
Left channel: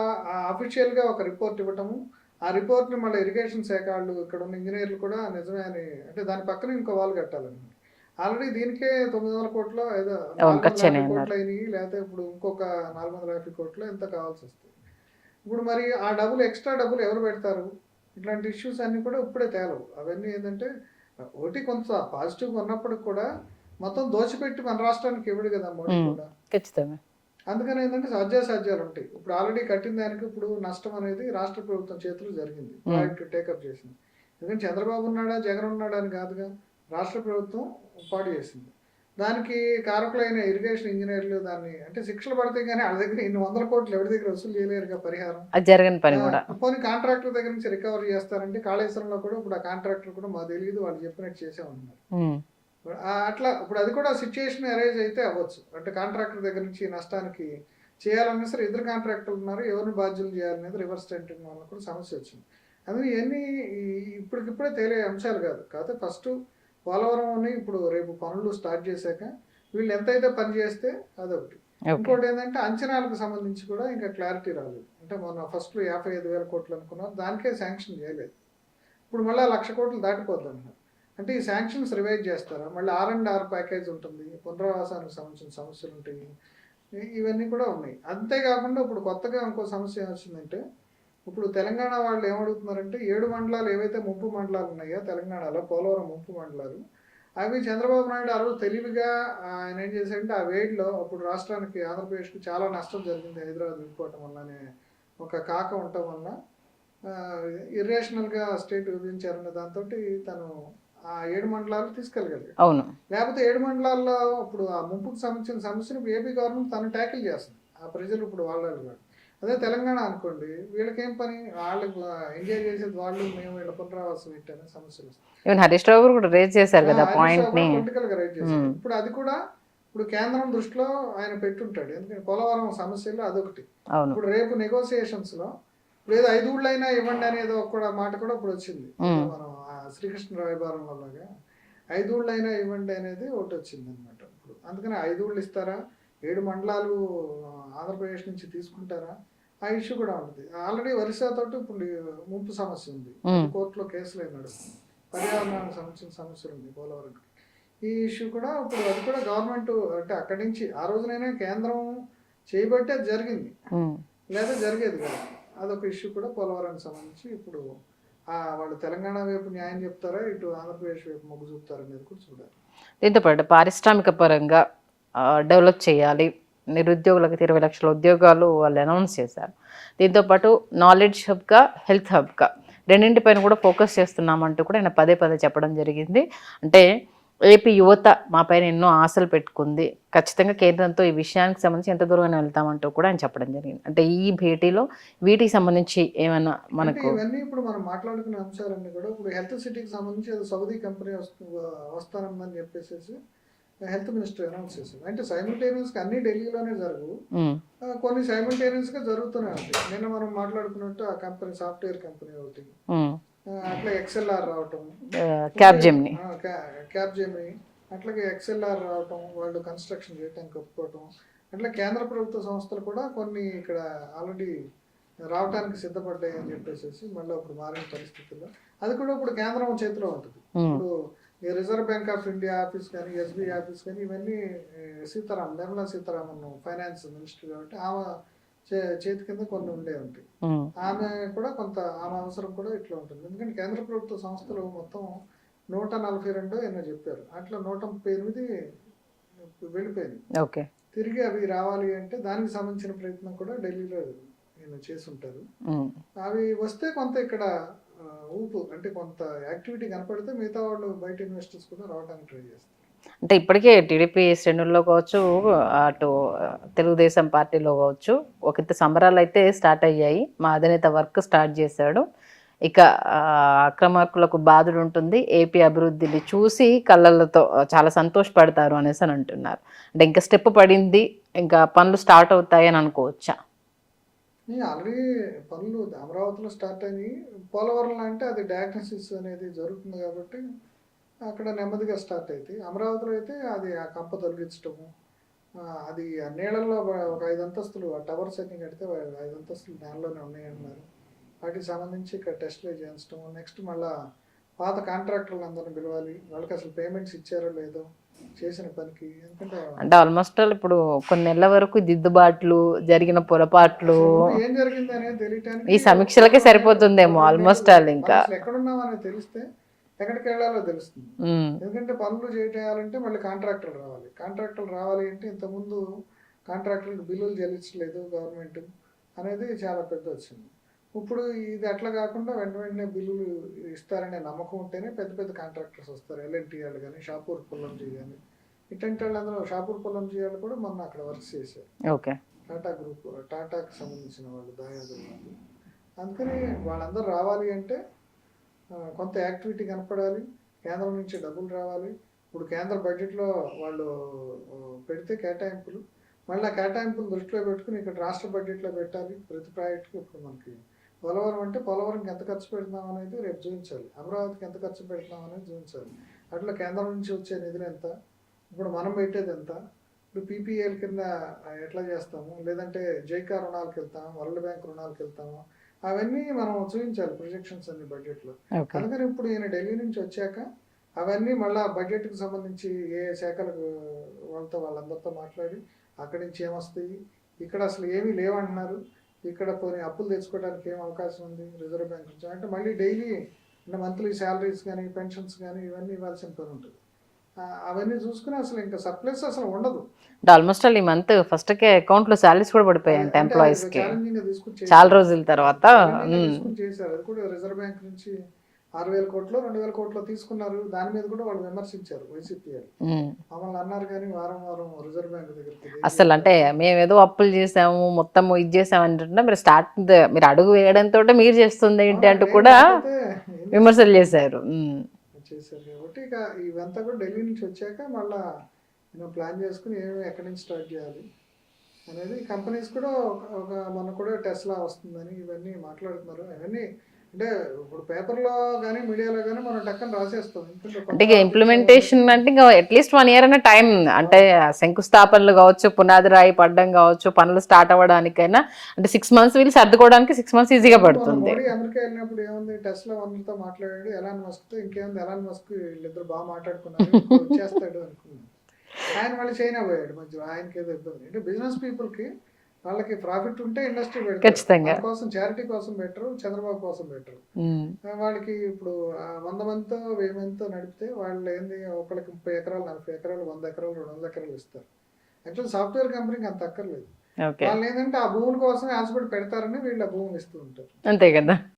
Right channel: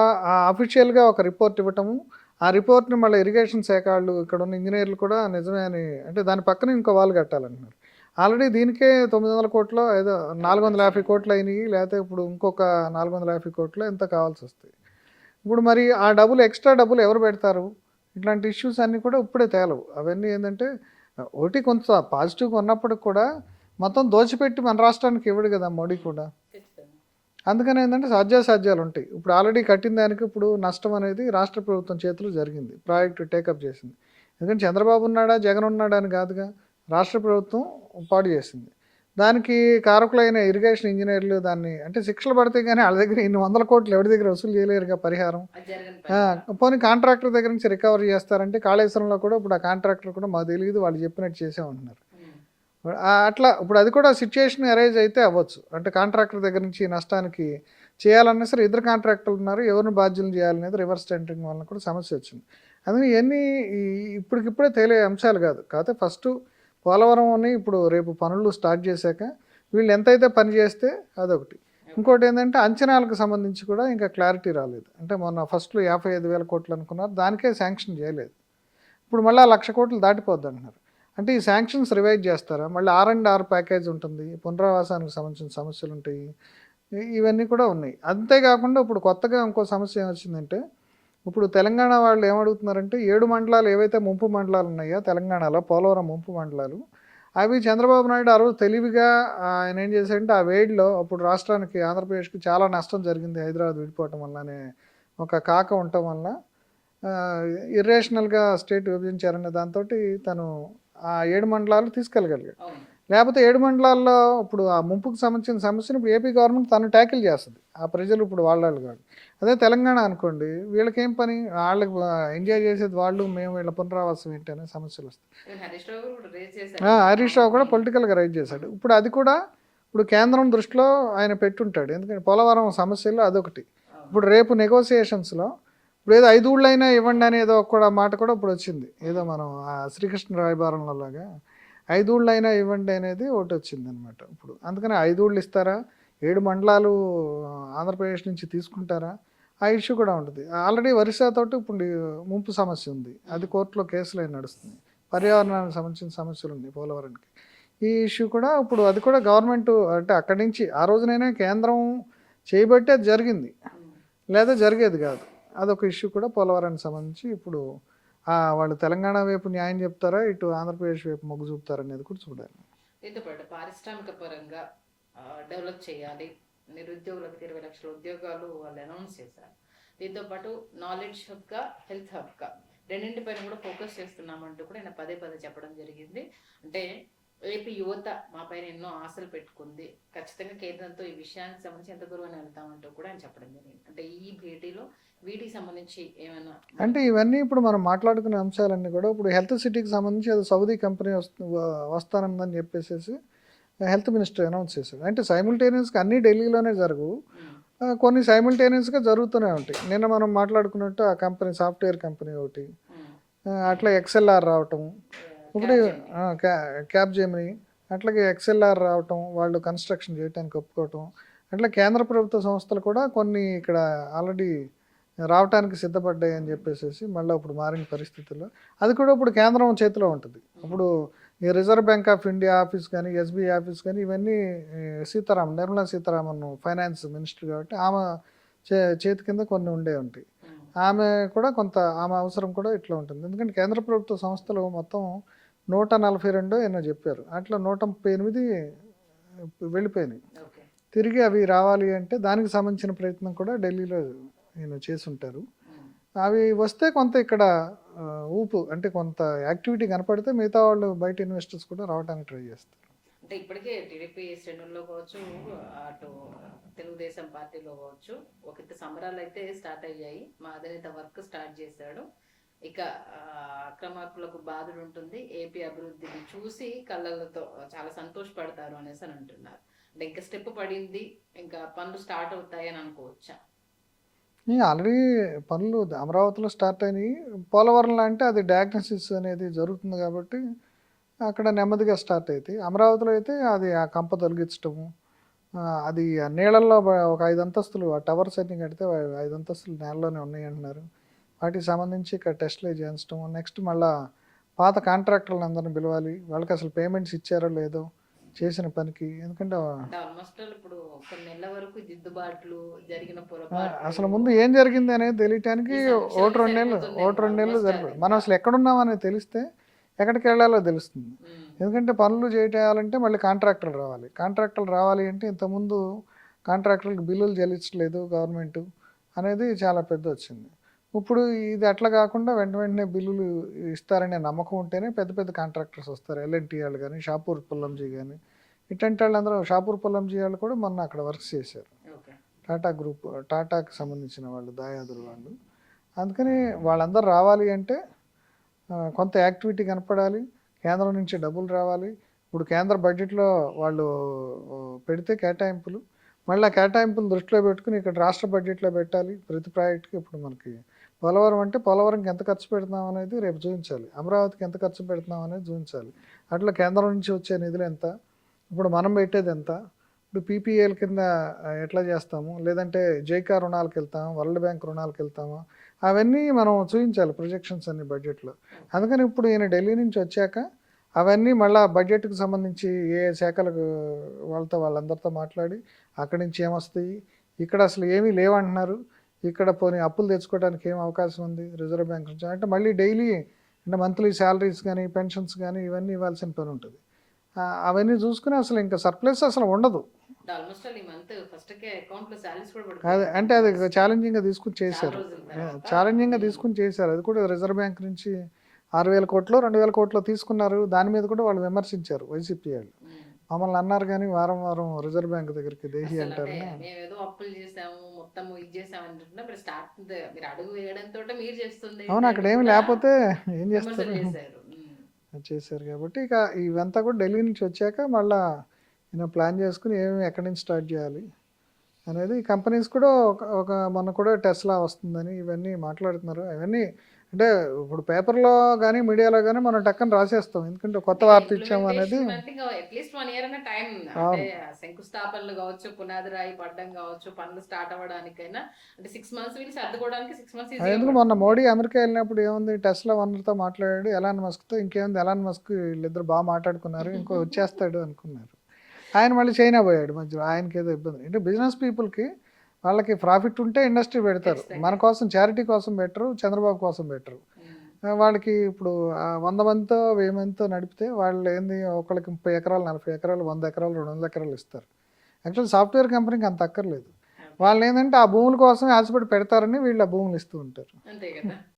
అఫీషియల్గా ఒక రిపోర్ట్ ఇవ్వటము, ఆ రిపోర్ట్ని మళ్ళీ ఇరిగేషన్ శాఖ వాళ్ళు ఇక్కడ ఉన్న ఇంజనీర్లు కూడా నిజమే అని, అంటే దాని పక్కన ఇంకో వాళ్ళు కట్టాలన్నారు. ఆల్రెడీ దీనికే 900 కోట్లు ఏదో 450 కోట్లు అయినాయి, లేకపోతే ఇప్పుడు ఇంకొక 450 కోట్లు ఎంత కావాల్సి వస్తాయి. ఇప్పుడు మరి ఆ డబ్బులు ఎక్స్ట్రా డబ్బులు ఎవరు పెడతారు? ఇట్లాంటి ఇష్యూస్ అన్నీ కూడా ఇప్పుడే తేలవు. అవన్నీ ఏంటంటే ఒకటి కొంత పాజిటివ్గా ఉన్నప్పటికి కూడా మొత్తం దోచిపెట్టి మన రాష్ట్రానికి ఇవ్వడు కదా మోడీ కూడా. ఖచ్చితంగా. అందుకని ఏంటంటే సాధ్యాసాధ్యాలు ఉంటాయి. ఇప్పుడు ఆల్రెడీ కట్టిన దానికి ఇప్పుడు నష్టం అనేది రాష్ట్ర ప్రభుత్వం చేతిలో జరిగింది, ప్రాజెక్టు టేకప్ చేసింది. ఎందుకంటే చంద్రబాబు ఉన్నాడా జగన్ ఉన్నాడా అని కాదుగా, రాష్ట్ర ప్రభుత్వం పాడు చేసింది. దానికి కారకులైన ఇరిగేషన్ ఇంజనీర్లు దాన్ని అంటే శిక్షలు పడితే కానీ వాళ్ళ దగ్గర 100 కోట్లు ఎవరి దగ్గర వసూలు చేయలేరుగా పరిహారం. పోనీ కాంట్రాక్టర్ దగ్గర నుంచి రికవరీ చేస్తారంటే కాళేశ్వరంలో కూడా ఇప్పుడు ఆ కాంట్రాక్టర్ కూడా మాకు తెలియదు, వాళ్ళు చెప్పినట్టు చేసామంటున్నారు. అట్లా ఇప్పుడు అది కూడా సిచ్యుయేషన్ అరైజ్ అయితే అవ్వచ్చు. అంటే కాంట్రాక్టర్ దగ్గర నుంచి నష్టానికి చేయాలన్నా సరే ఇద్దరు కాంట్రాక్టర్లు ఉన్నారు, ఎవరిని బాధ్యులు చేయాలనేది రివర్స్ టెండరింగ్ వల్ల కూడా సమస్య వచ్చింది. అందుకని ఇవన్నీ ఇప్పటికిప్పుడే తేలే అంశాలు కాదు. కాకపోతే ఫస్ట్ పోలవరం అని ఇప్పుడు రేపు పనులు స్టార్ట్ చేశాక వీళ్ళు ఎంతైతే పని చేస్తే అదొకటి. ఇంకోటి ఏంటంటే అంచనాలకు సంబంధించి కూడా ఇంకా క్లారిటీ రాలేదు. అంటే మొన్న ఫస్ట్లో 55,000 కోట్లు అనుకున్నారు, దానికే శాంక్షన్ చేయలేదు. ఇప్పుడు మళ్ళీ 1,00,000 కోట్లు దాటిపోద్ది అంటున్నారు. అంటే ఈ శాంక్షన్స్ రివైజ్ చేస్తారా? మళ్ళీ R&R ప్యాకేజ్ ఉంటుంది, పునరావాసానికి సంబంధించిన సమస్యలు ఉంటాయి, ఇవన్నీ కూడా ఉన్నాయి. అంతేకాకుండా ఇప్పుడు కొత్తగా ఇంకో సమస్య ఏమొచ్చిందంటే, ఇప్పుడు తెలంగాణ వాళ్ళు ఏమడుగుతున్నారంటే 7 మండలాలు ఏవైతే ముంపు మండలాలు ఉన్నాయో తెలంగాణలో, పోలవరం ముంపు మండలాలు, అవి చంద్రబాబు నాయుడు ఆ రోజు తెలివిగా ఆయన ఏం చేశాడంటే ఆ వేడిలో అప్పుడు రాష్ట్రానికి, ఆంధ్రప్రదేశ్కి చాలా నష్టం జరిగింది హైదరాబాద్ విడిపోవటం వల్ల అనే ఒక కాక ఉండటం వల్ల ఇర్రేషనల్గా స్టేట్ విభజించారనే దాంతో తను ఆ 7 మండలాలు తీసుకెళ్ళగలిగాడు. అవును. లేకపోతే 7 మండలాల్లో ఇప్పుడు ఆ ముంపుకు సంబంధించిన సమస్యను ఇప్పుడు ఏపీ గవర్నమెంట్ తను ట్యాకిల్ చేస్తుంది. ఆ ప్రజలు ఇప్పుడు వాళ్ళు కాదు. అదే తెలంగాణ అనుకోండి, వీళ్ళకేం పని, వాళ్ళకి ఎంజాయ్ చేసేది వాళ్ళు, మేము వీళ్ళ పునరావాసం ఏంటి అనే సమస్యలు వస్తాయి. ఈవెన్ హరీష్ రావు గారు కూడా రేజ్ చేశారు కదా హరీష్ రావు కూడా పాయింట్ని. పొలిటికల్గా రైట్ చేశాడు. ఇప్పుడు అది కూడా ఇప్పుడు కేంద్రం దృష్టిలో ఆయన పెట్టుంటాడు. ఎందుకంటే పోలవరం సమస్యలు అదొకటి. అవును. ఇప్పుడు రేపు నెగోసియేషన్స్లో ఇప్పుడు ఏదో 5 ఊళ్ళైనా ఇవ్వండి అని ఏదో కూడా మాట కూడా ఇప్పుడు వచ్చింది. ఏదో మనం శ్రీకృష్ణ రాయబారంలో లాగా 5 ఊళ్ళైనా ఇవ్వండి అనేది ఒకటి వచ్చింది అనమాట. ఇప్పుడు అందుకని 5 ఊళ్ళు ఇస్తారా, 7 మండలాలు ఆంధ్రప్రదేశ్ నుంచి తీసుకుంటారా, ఆ ఇష్యూ కూడా ఉంటుంది. ఆల్రెడీ ఒరిస్సాతోటి ఇప్పుడు ముంపు సమస్య ఉంది, అది కోర్టులో కేసులు అయి నడుస్తుంది. పర్యావరణానికి సంబంధించిన సమస్యలు ఉంది పోలవరంకి. ఈ ఇష్యూ కూడా ఇప్పుడు అది కూడా గవర్నమెంట్ అంటే అక్కడి నుంచి ఆ రోజునైనా కేంద్రం చేయబట్టే అది జరిగింది, లేదా జరిగేది కాదు. అదొక ఇష్యూ కూడా పోలవరానికి సంబంధించి ఇప్పుడు వాళ్ళు తెలంగాణ వైపు న్యాయం చెప్తారా, ఇటు ఆంధ్రప్రదేశ్ వైపు మొగ్గు చూపుతారా అనేది కూడా చూడాలి. దీంతో పాటు పారిశ్రామిక పరంగా డెవలప్ చేయాలి, నిరుద్యోగులకు 20 లక్షల ఉద్యోగాలు వాళ్ళు అనౌన్స్ చేశారు. దీంతోపాటు నాలెడ్జ్ హబ్గా, హెల్త్ హబ్గా రెండింటిపైన కూడా ఫోకస్ చేస్తున్నామంటూ కూడా ఆయన పదే పదే చెప్పడం జరిగింది. అంటే ఏపీ యువత మా పైన ఎన్నో ఆశలు పెట్టుకుంది, ఖచ్చితంగా కేంద్రంతో ఈ విషయానికి సంబంధించి ఎంత దూరంగా వెళ్తామంటూ కూడా ఆయన చెప్పడం జరిగింది. అంటే ఈ భేటీలో వీటికి సంబంధించి ఏమైనా అంటే మనకు ఇవన్నీ ఇప్పుడు మనం మాట్లాడుకునే అంశాలన్నీ కూడా ఇప్పుడు హెల్త్ సిటీకి సంబంధించి అది సౌదీ కంపెనీ వస్తానందని చెప్పేసి హెల్త్ మినిస్టర్ అనౌన్స్ చేశాడు. అంటే సైమిల్టేనియస్గా అన్ని ఢిల్లీలోనే జరగవు, కొన్ని సైమిల్టేనియస్గా జరుగుతూనే ఉంటాయి. నిన్న మనం మాట్లాడుకున్నట్టు ఆ కంపెనీ సాఫ్ట్వేర్ కంపెనీ ఒకటి, అట్లా XLR రావటం, క్యాబ్ జెమిని, అట్లాగే XLR రావటం, వాళ్ళు కన్స్ట్రక్షన్ చేయడానికి ఒప్పుకోవటం, అట్లా కేంద్ర ప్రభుత్వ సంస్థలు కూడా కొన్ని ఇక్కడ ఆల్రెడీ రావటానికి సిద్ధపడ్డాయి అని చెప్పేసి మళ్ళీ ఇప్పుడు మారిన పరిస్థితుల్లో అది కూడా ఇప్పుడు కేంద్రం చేతిలో ఉంటుంది. ఇప్పుడు ఈ reserve bank of India office కానీ, SBI ఆఫీస్ కానీ, ఇవన్నీ నిర్మలా సీతారామన్ ఫైనాన్స్ మినిస్టర్ కాబట్టి ఆమె చేతి కింద కొన్ని ఉండే ఉంటాయి. ఆమె కూడా కొంత ఆమె అవసరం కూడా ఇట్లా ఉంటుంది. ఎందుకంటే కేంద్ర ప్రభుత్వ సంస్థలు మొత్తం 142 ఎన్నో చెప్పారు, అట్లా 138 వెళ్ళిపోయినాయి. ఓకే, తిరిగి అవి రావాలి అంటే దానికి సంబంధించిన ప్రయత్నం కూడా ఢిల్లీలో చేసి ఉంటారు. అవి వస్తే కొంత ఇక్కడ ఊపు అంటే కొంత యాక్టివిటీ కనపడితే మిగతా వాళ్ళు బయట ఇన్వెస్టర్స్ కూడా రావడానికి ట్రై చేస్తారు. అంటే ఇప్పటికే టీడీపీ శ్రేణుల్లో కావచ్చు, అటు తెలుగుదేశం పార్టీలో కావచ్చు, ఒకంత సంబరాలు అయితే స్టార్ట్ అయ్యాయి. మా అధినేత వర్క్ స్టార్ట్ చేశాడు, ఇక అక్రమార్కులకు బాధుడు ఉంటుంది, ఏపీ అభివృద్ధిని చూసి కళ్ళతో చాలా సంతోషపడతారు అనేసి అని అంటున్నారు. అంటే ఇంకా స్టెప్ పడింది, ఇంకా పనులు స్టార్ట్ అవుతాయి అని అనుకోవచ్చా? ఆల్రెడీ పనులు అమరావతిలో స్టార్ట్ అయినాయి. పోలవరంలో అంటే అది డయాగ్నోసిస్ అనేది జరుగుతుంది కాబట్టి అక్కడ నెమ్మదిగా స్టార్ట్ అవుతాయి. అమరావతిలో అయితే అది ఆ కంప తొలగించటము, అది ఆ నీళ్ళల్లో ఒక 5 అంతస్తులు ఆ టవర్స్ అన్ని కడితే 5 అంతస్తులు నేలలోనే ఉన్నాయి అంటున్నారు. వాటికి సంబంధించి ఇక్కడ టెస్టులు చేయించడం, నెక్స్ట్ మళ్ళీ పాత కాంట్రాక్టర్లు అందరిని పిలవాలి, వాళ్ళకి అసలు పేమెంట్స్ ఇచ్చారో లేదో చేసిన పనికి. ఎందుకంటే అంటే ఆల్మోస్ట్ ఇప్పుడు కొన్ని నెలల వరకు దిద్దుబాట్లు, జరిగిన పొరపాట్లు, ముందు ఏం జరిగింది అనేది తెలియటానికి ఈ సమీక్షలకే సరిపోతుందేమో ఆల్మోస్ట్. ఇంకా అసలు ఎక్కడున్నాం అనేది తెలిస్తే ఎక్కడికి వెళ్ళాలో తెలుస్తుంది. ఎందుకంటే పనులు చేయాలంటే మళ్ళీ కాంట్రాక్టర్లు రావాలి అంటే ఇంతకుముందు కాంట్రాక్టర్లకు బిల్లులు చెల్లించలేదు గవర్నమెంట్ అనేది చాలా పెద్ద వచ్చింది. ఇప్పుడు ఇది అట్లా కాకుండా వెంటనే బిల్లులు ఇస్తారనే నమ్మకం ఉంటేనే పెద్ద పెద్ద కాంట్రాక్టర్స్ వస్తారు. L&T వాళ్ళు కానీ, షాపూర్ పొల్లంజీ కానీ, ఇట్లాంటి వాళ్ళందరూ షాపూర్ పొల్లంజీ వాళ్ళు కూడా మొన్న అక్కడ వర్క్ చేశారు. ఓకే, టాటా గ్రూప్, టాటాకి సంబంధించిన వాళ్ళు, దాయాదులు వాళ్ళు. అందుకని వాళ్ళందరూ రావాలి అంటే కొంత యాక్టివిటీ కనపడాలి, కేంద్రం నుంచి డబ్బులు రావాలి. ఇప్పుడు కేంద్ర బడ్జెట్లో వాళ్ళు పెడితే కేటాయింపులు, మళ్ళీ కేటాయింపులు దృష్టిలో పెట్టుకుని ఇక్కడ రాష్ట్ర బడ్జెట్లో పెట్టాలి ప్రతి ప్రాజెక్టుకి. ఇప్పుడు మనకి పోలవరం అంటే పోలవరంకి ఎంత ఖర్చు పెడుతున్నాం అనేది రేపు చూపించాలి, అమరావతికి ఎంత ఖర్చు పెడుతున్నాం అనేది చూపించాలి. అట్లా కేంద్రం నుంచి వచ్చే నిధులు ఎంత, ఇప్పుడు మనం పెట్టేది ఎంత, ఇప్పుడు PPAల కింద ఎట్లా చేస్తాము, లేదంటే జైకా రుణాలకు వెళ్తామా, వరల్డ్ బ్యాంక్ రుణాలకు వెళ్తామా, అవన్నీ మనం చూపించాలి ప్రొజెక్షన్స్ అన్ని బడ్జెట్లో. అందుకని ఇప్పుడు ఈయన ఢిల్లీ నుంచి వచ్చాక అవన్నీ మళ్ళీ బడ్జెట్కి సంబంధించి ఏ శాఖలకు వాళ్ళందరితో మాట్లాడి అక్కడి నుంచి ఏమొస్తాయి, ఇక్కడ అసలు ఏమీ లేవంటున్నారు, ఇక్కడ పోనీ అప్పులు తెచ్చుకోవడానికి ఏం అవకాశం ఉంది రిజర్వ్ బ్యాంక్ నుంచి అంటే మళ్ళీ డైలీ అంటే మంత్లీ శాలరీస్ కానీ పెన్షన్స్ కానీ ఇవన్నీ ఇవ్వాల్సిన పని ఉంటుంది. అవన్నీ చూసుకుని అసలు ఇంకా సర్ప్లస్ అసలు ఉండదు. ఆల్మోస్ట్ ఈ మంత్ ఫస్ట్ కే అకౌంట్ లో సాలరీస్ కూడా పడిపోయాయి. అంటే ఛాలెంజింగ్ గా తీసుకుని చాలా రోజుల తర్వాత ఛాలెంజింగ్ గా తీసుకుని చేశారు. అది కూడా రిజర్వ్ బ్యాంక్ నుంచి 6,000 కోట్లు 2,000 కోట్లు తీసుకున్నారు. దాని మీద కూడా వాళ్ళు విమర్శించారు వైసీపీ వాళ్ళు. మమ్మల్ని అన్నారు కానీ వారం వారం రిజర్వ్ బ్యాంక్ దగ్గరికి అసలు అంటే మేము ఏదో అప్పులు చేసాము మొత్తం ఇది చేసాము అంటే మీరు అడుగు వేయడంతో మీరు చేస్తుంది ఏంటి అంటూ కూడా విమర్శలు చేశారు. కాబట్టి ఇక ఇవంతా కూడా ఢిల్లీ నుంచి వచ్చాక మళ్ళా ప్లాన్ చేసుకుని ఏమేమి ఎక్కడి నుంచి స్టార్ట్ చేయాలి అనేది కంపెనీస్ కూడా ఒక మన కూడా టెస్లా వస్తుందని ఇవన్నీ మాట్లాడుతున్నారు. అవన్నీ అంటే ఇప్పుడు పేపర్లో కానీ మీడియాలో కానీ మనం టక్కన రాసేస్తాం. ఎందుకంటే ఇంప్లిమెంటేషన్ అంటే ఇంకా అట్లీస్ట్ 1 year అనే టైం అంటే శంకుస్థాపనలు కావచ్చు, పునాది రాయి పడ్డం కావచ్చు, పనులు స్టార్ట్ అవ్వడానికైనా అంటే 6 months వీళ్ళు సర్దుకోవడానికి 6 months ఈజీగా పడుతుంది. మొన్న మోడీ అమెరికా వెళ్ళినప్పుడు ఏముంది టెస్లా ఓనర్తో మాట్లాడాడు, ఎలాన్ మస్క్తో. ఇంకేముంది ఎలాన్ మస్క్ వీళ్ళిద్దరు బాగా మాట్లాడుకున్నారు, వచ్చేస్తాడు అనుకున్నారు. ఆయన మళ్ళీ చైనా పోయాడు మధ్యలో. ఆయనకి ఏదో ఇబ్బంది అంటే బిజినెస్ పీపుల్కి వాళ్ళకి ప్రాఫిట్ ఉంటే ఇండస్ట్రీ పెడతారు. మన కోసం చారిటీ కోసం పెట్టరు, చంద్రబాబు కోసం పెట్టరు. వాళ్ళకి ఇప్పుడు 100 మందితో 1000 మందితో నడిపితే వాళ్ళు ఏంది ఒకళ్ళకి 30 ఎకరాలు 40 ఎకరాలు 100 ఎకరాలు 200 ఎకరాలు ఇస్తారు. యాక్చువల్ సాఫ్ట్వేర్ కంపెనీకి అంత అక్కర్లేదు. వాళ్ళు ఏంటంటే ఆ భూముల కోసం ఆశపడి పెడతారని వీళ్ళు ఆ భూములు ఇస్తూ ఉంటారు. అంతే కదా.